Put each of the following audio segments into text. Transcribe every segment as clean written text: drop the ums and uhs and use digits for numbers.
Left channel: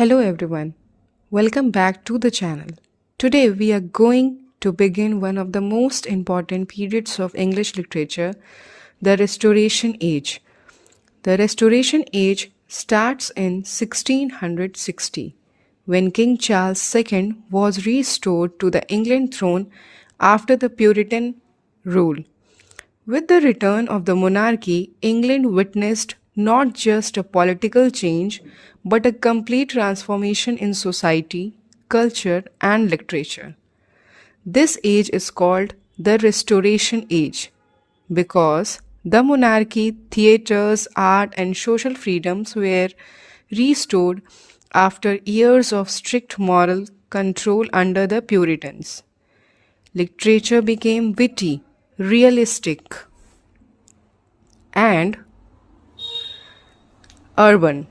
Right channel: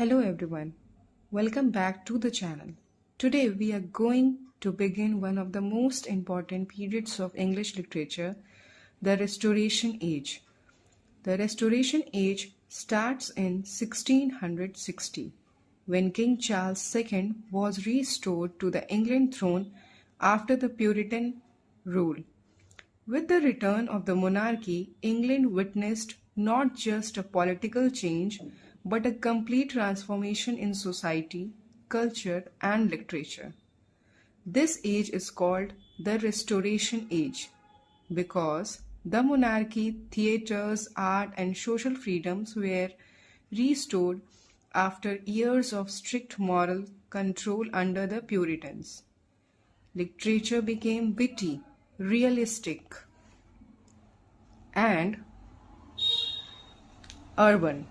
Hello everyone, welcome back to the channel. Today we are going to begin one of the most important periods of English literature, the Restoration Age. The Restoration Age starts in 1660 when King Charles II was restored to the England throne after the Puritan rule. With the return of the monarchy, England witnessed not just a political change, but a complete transformation in society, culture, and literature. This age is called the Restoration Age because the monarchy, theatres, art, and social freedoms were restored after years of strict moral control under the Puritans. Literature became witty, realistic, and urban.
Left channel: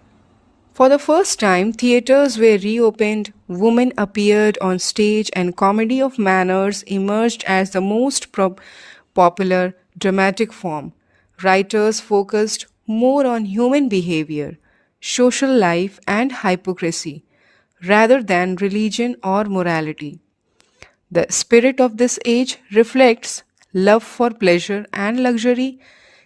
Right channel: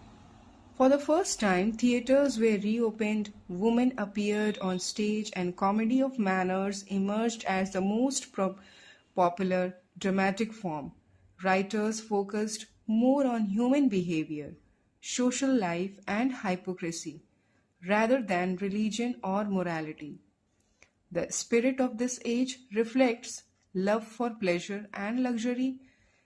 For the first time, theatres were reopened, women appeared on stage, and comedy of manners emerged as the most popular dramatic form. Writers focused more on human behavior, social life, and hypocrisy rather than religion or morality. The spirit of this age reflects love for pleasure and luxury,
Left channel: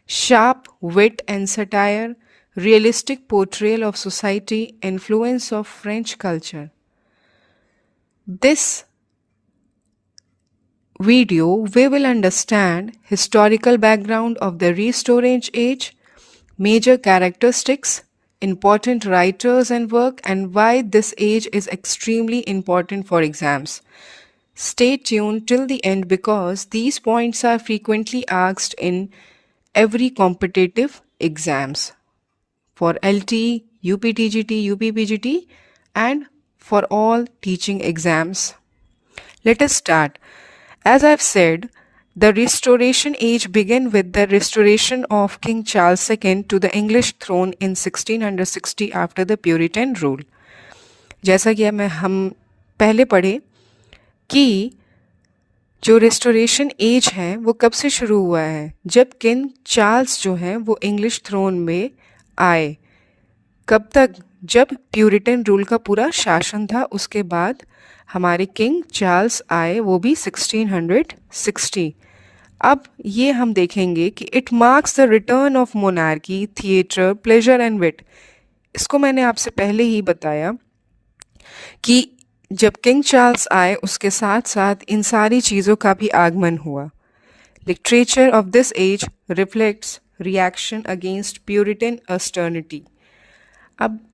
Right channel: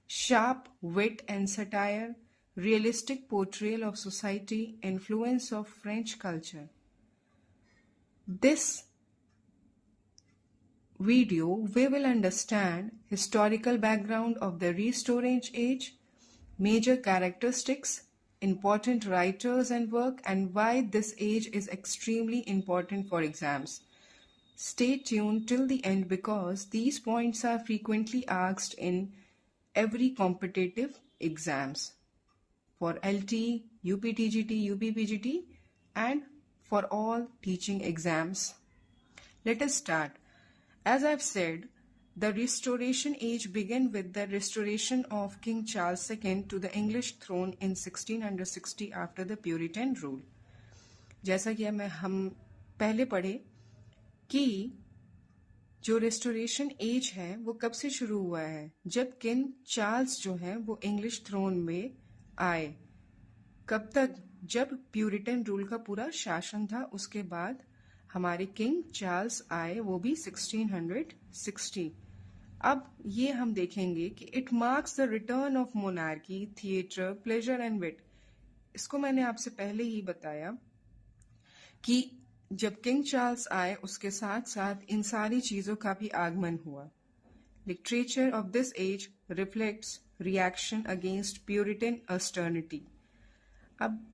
sharp wit and satire, realistic portrayal of society, influence of French culture. This video we will understand historical background of the Restoration Age, major characteristics, important writers and work, and why this age is extremely important for exams. Stay tuned till the end because these points are frequently asked in every competitive exams for LT, UPTGT, UPPGT, and for all teaching exams. Let us start. As I've said, the Restoration Age began with the restoration of King Charles II to the English throne in 1660 after the Puritan rule. जैसा कि हम पहले पढ़े कि जो restoration age है वो कब से शुरू हुआ है, जब किंग चार्ल्स जो हैं वो इंग्लिश थ्रोन में आए. कब तक? जब प्यूरिटन रूल का पूरा शासन था, उसके बाद हमारे किंग चार्ल्स आए, वो भी 1660. अब ये हम देखेंगे कि it marks the return of monarchy, theatre, pleasure and wit. इसको मैंने आपसे पहले ही बताया कि जब किंग चार्ल्स आए उसके साथ साथ इन सारी चीज़ों का भी आगमन हुआ. Literature of this age reflects reaction against Puritan austerity. अब